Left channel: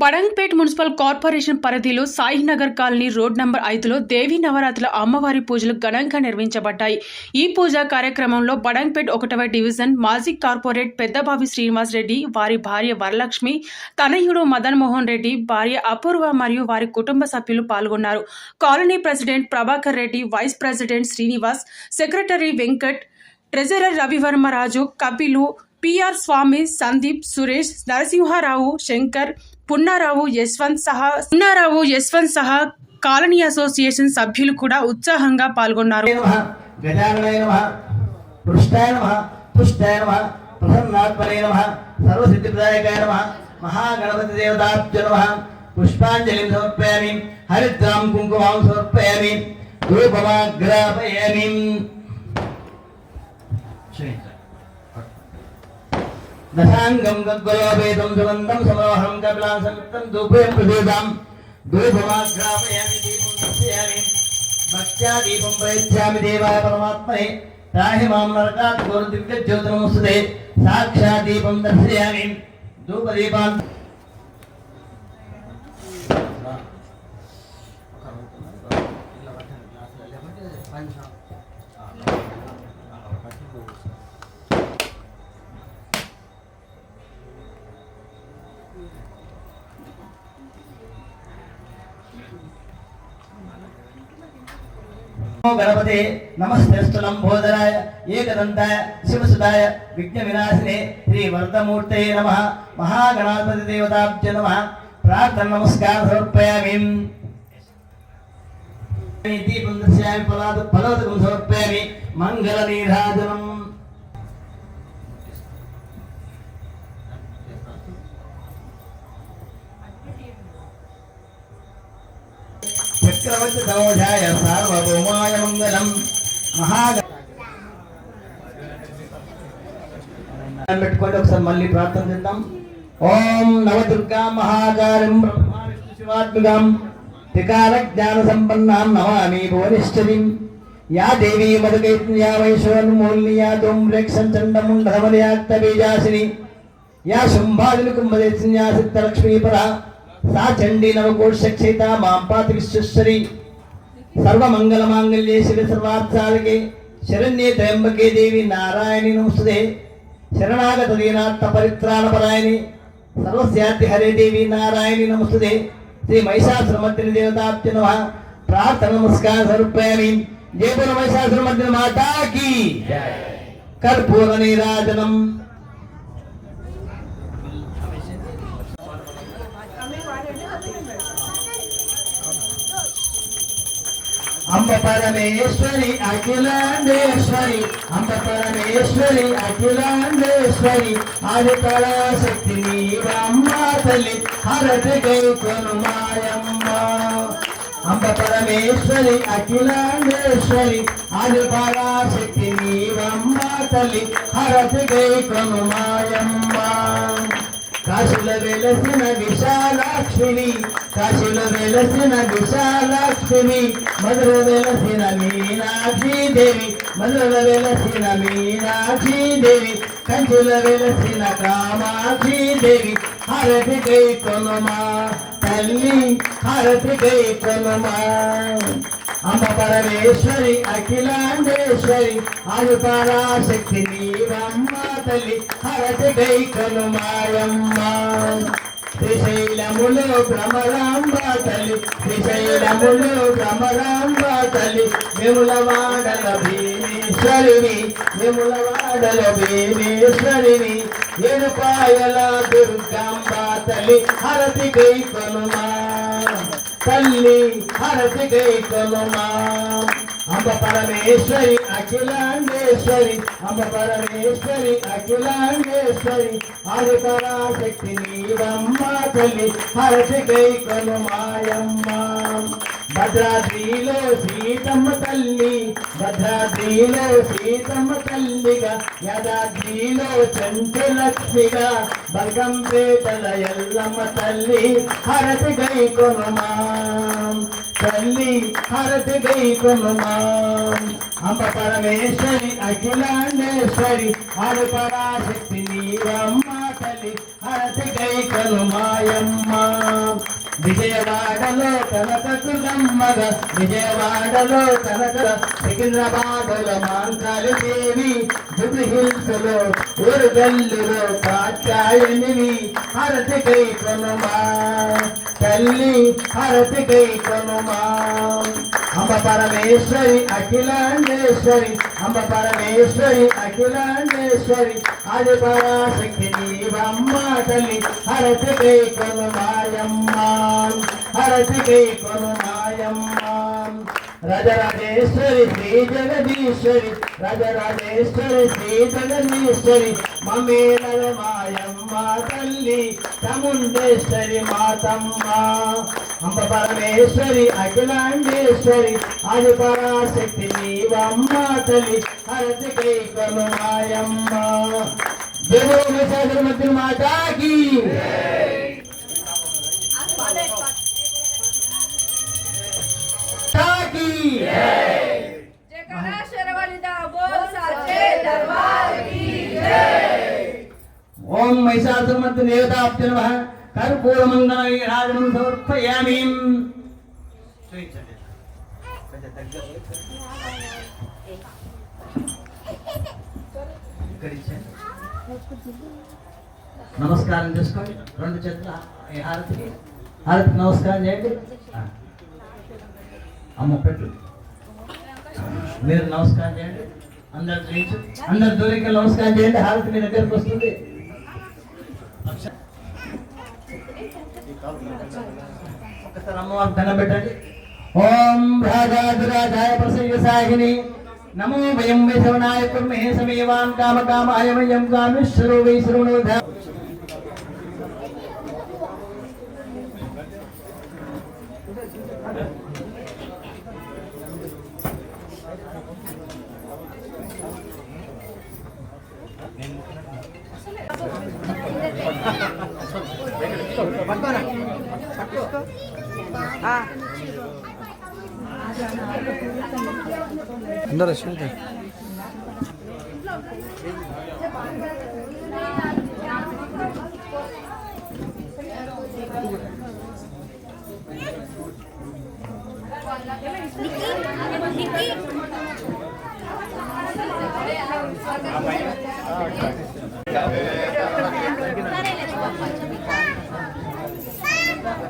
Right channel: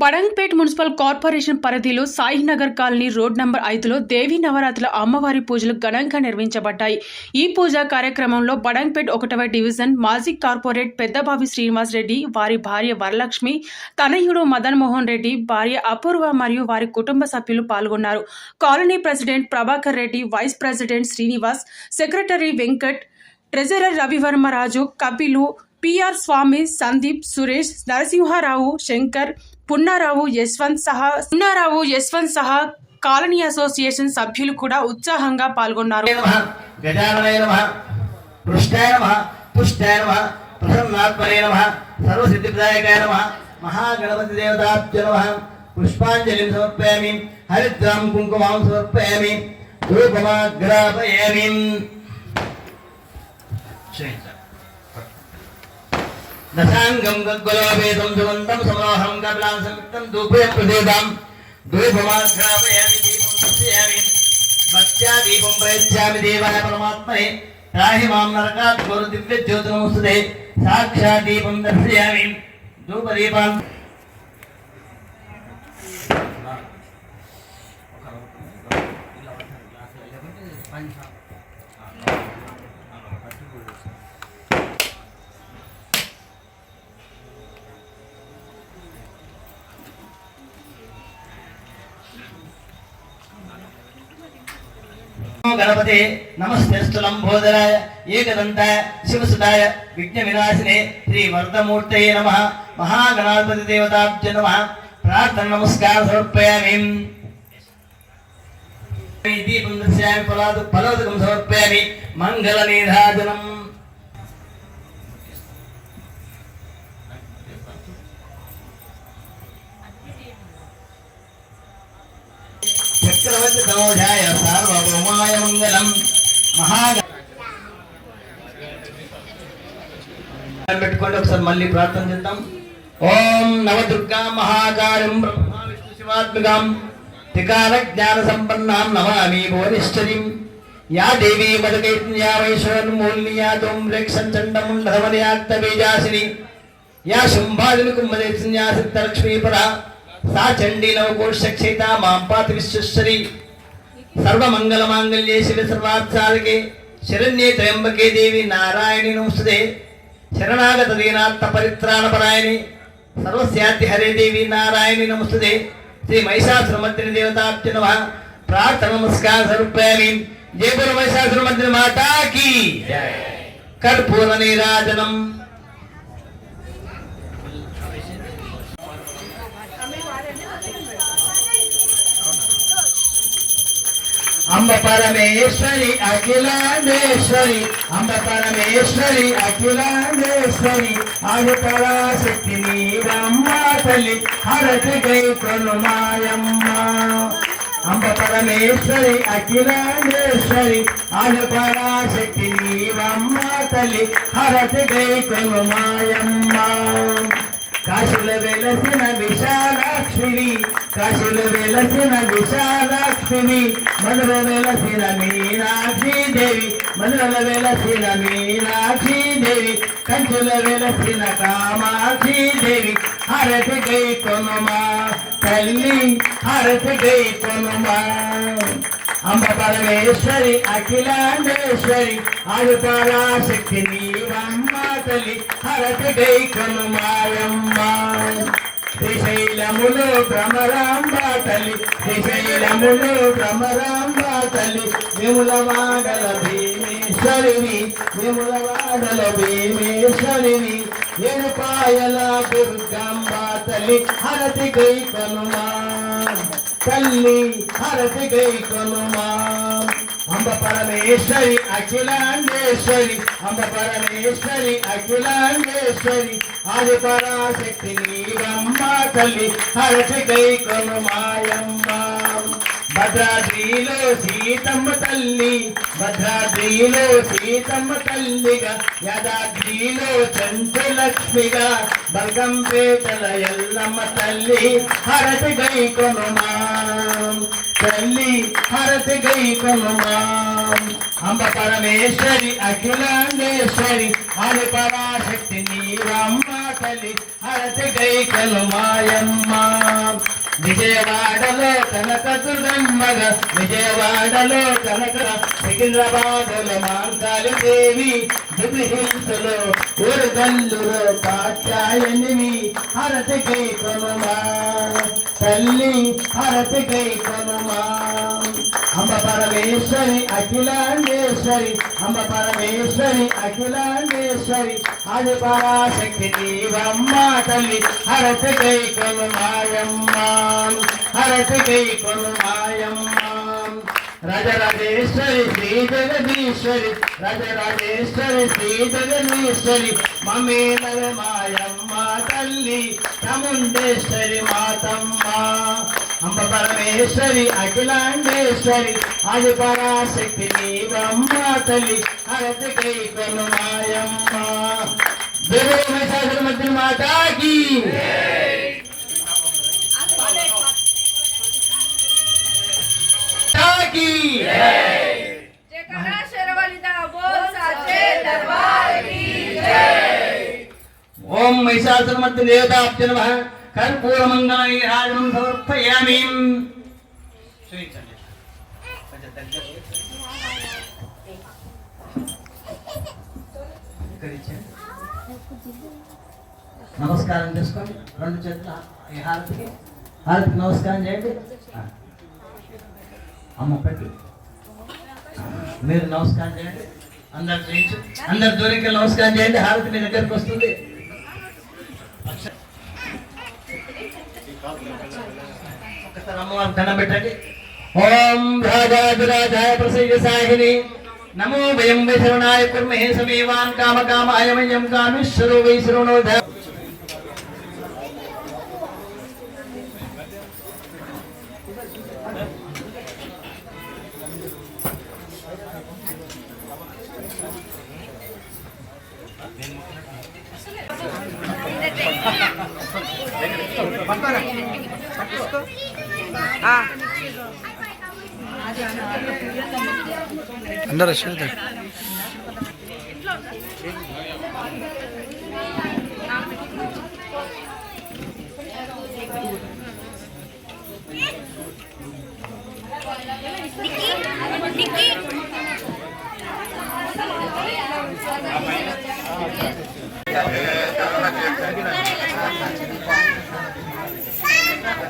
Badangpet municipal corporation పరిధిలో Sainagar colony road number ఐదులో దేవీ నవరాత్రుల అమ్మవారి పూజలు ఘనంగా నిర్వహించబడ్డాయి. ఈ పూజా కార్యక్రమంలో బడంగ్పేట్ ఒకటవ డివిజన్ మాజీ కార్పొరేట్ పెద్దబావి శ్రీనివాస్ రెడ్డి వారి భార్య వరలక్ష్మి తనయుడు మదన్ మోహన్ రెడ్డి భార్య అపూర్వ మరియు వారి కుటుంబ సభ్యులు పాల్గొన్నారు. Colony president Prabhakar Reddy vice president Srinivas secretary Venkat treasurer Ravivarmaraju Kapil P R Swamy Sandeep Suresh Narasimharao Shankar Punnarao Yashwant సహా పున్నారావు యశ్వంత్ సహా కాలనీ అసోసియేషన్ సభ్యులు కూడా ఉత్సాహంగా పాల్గొన్నారు. నమః మహాగణపతి దేవతాభ్య నమః పుష్పాంజలిం సమర్పయామి హరిద్రాం కుంకుమాం సమర్పయామి ధూపమాగ్రాపయామి దశాంగం గద్గలోపేతం సుగంధం సమోహం కమలాం సంయుక్తం ధూపేం ప్రదేదాం ధూపమాగ్రాపయామి దీపం దర్శయామి భక్త్యా దీపం ప్రయచ్చామి దేవాయ పరమాత్మనే రాహి మాం నరకాత్ గురు దివ్య జ్యోతినమస్తుతే సాక్షాత్ దీపం దర్శయామి ధూపదీపాన్ గణపతి నమస్తేస్తులం బోధరాయ ఏకదంతాయ శివసుదాయ విఘ్న వినాశినే శ్రీ వరదమూర్తయే నమ మహాగణాధిపతి దేవతాభ్య నమ ప్రార్థన నమస్కార సమర్పయామి దీపం దర్శయామి ఫలాదు ఫలోదకం సమర్పయామి మంగళ నీరాజనం దౌఢాయ సార్వభౌమాయ మంగళం మహాగ పెట్టుకోండి ఒకసారి మళ్ళీ ప్రార్థన చేద్దాం. ఓం నవదుర్గా మహాకారం బ్రహ్మ విష్ణు శివాత్మకాం త్రికాల జ్ఞాన సంపన్నాం నమామి భువనేశ్వరీం యా దేవీ చండముండధమనయాక్త బీజాసిని. యా శుంభాదిని కుంభదేశన్యా సిద్ధలక్ష్మీపరా సా చండీ మాం పాతి విశ్వేశ్వరి సర్వమంగళమాంగళ్యే శివ సర్వార్థాలకే శరణ్యే త్రయంబకే దేవి నారాయణి నమస్తే శరణాగత దీనాత్మ పరిత్రాణపరాయణి సర్వస్యాతి హరే దేవి నారాయణి నమస్తే శ్రీ మహిషాసురమర్దిని దేవతాభ్య నమ ప్రార్థన నమస్కారం సమర్పయామి జయపుర మహిషాసురమర్దిని మాతాకి కర్పూర నీరాజనం అంబ పరమేశ్వరి అఖిలాండేశ్వరి అంబ పరమేశ్వరి అఖిలాండేశ్వరి ఆది కళాశక్తి నీవమ్మ తల్లి హరతి గైకొను మాయమ్మ. అంబ పరమేశ్వరి అఖిలాండేశ్వరి ఆది పరాశక్తి నీవమ్మ తల్లి హరతి గైకొను మాయమ్మ. కాశీలో వెలసిన విశాలాక్షిని కాశీలో వెలసిన విశాలక్ష్మి మధుర వెలసిన మీనాక్షి దేవి మధుర వెలసిన మీనాక్షి దేవి కంచుల వెలసిన కామాక్షి దేవి హరతి గై కొనుమా తల్లి హరతి గై కొనుమా. అమ్మ పరమేశ్వరి అఖిలాండేశ్వరి ఆది పరాశక్తి నీవమ్మ తల్లి హరతి గై మాయమ్మ శ్రీశైలములు భ్రమరాంబ తల్లి శ్రీశైలములో భ్రమరాంబ తల్లి విముల భీమేశ్వరిని విములవాడల భీమేశ్వరిని ఎరుపాయల దుర్గాంబ తల్లి హరతి గై కనుమా తల్లి హరతి గై కొనుమా అంబ పరమేశ్వరి అఖిలాండేశ్వరి అంబ పరమేశ్వరి అఖిలాండేశ్వరి ఆది పరాశక్తి నీవమ్మ తల్లి హరసి గై కొనుమాయమ్మ భద్రాద్రిలో సీతమ్మ తల్లి భద్రాద్రిలో సీతమ్మ తల్లిగా యదాద్రిలో చంచులక్ష్మిగా బల్గంపేటల ఎల్లమ్మ తల్లి హరసి గై కొనుమా తల్లి హరతి గై అంబ పరమేశ్వరి అఖిలాండేశ్వరి హరి పరాశక్తి నీవమ్మ తల్లి హరతి హరతి కైకలు విజయవాడలో కనక దుర్గమ్మగ విజయవాడలో తనక సికింద్రాబాదులో మాంతాలు దేవి జుబి హిల్స్లో ఊరుగల్లులో కాచాయనివి హరతి కై కొనుమా తల్లి హరతి కై అంబ పరమేశ్వరి అఖిలాండేశ్వరి అంబ పరమేశ్వరి అఖిలాండేశ్వరి. ఆది పరాశక్తి నీవమ్మ తల్లి హరతి కై కొను మాయమ్మ హరతి కై కొను రజరజేశ్వరి శ్రీ జగదీశ్వరి రజరజేశ్వరి శ్రీ జగదీశ్వరి మమే మమేనర మాయమ్మ తల్లి చముండేశ్వరి మాతమ్మ. అంబ పరమేశ్వరి అఖిలాండేశ్వరి అది పరాశక్తి నీవమ్మ తల్లి హరతి కైకను మాయమ్మ. దేవో ఓం మహిషాసురమర్తి దేవతాభ్య నమ కర్పూరమంగళాన్ని నమస్కారం చేసుకోండి. రెండు చేతుల ఈ హారతికి. హారతికి నమస్కారం చేయండి. అమ్మ పెట్టు. మీరు నమస్కారం చేయండి. అందరు చేయించు. అందరు దూరికి నమస్కారం చేయండి. హారతి మీ దగ్గరకు వస్తుంది. ఒక్కసారి అమ్మవారికి దండం పెట్టండి. ఓం రాజాధిరాజాయ ప్రసయ్య సాహిని. నమో వయం వై శరణాయ కుర్మహే సమేవాన్ కామ కామాయ వయం కామేశ్వరో వై 아빠랑 바꿔. 아. 안 달아셔야 돼.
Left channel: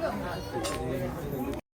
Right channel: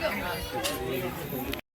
やめろ。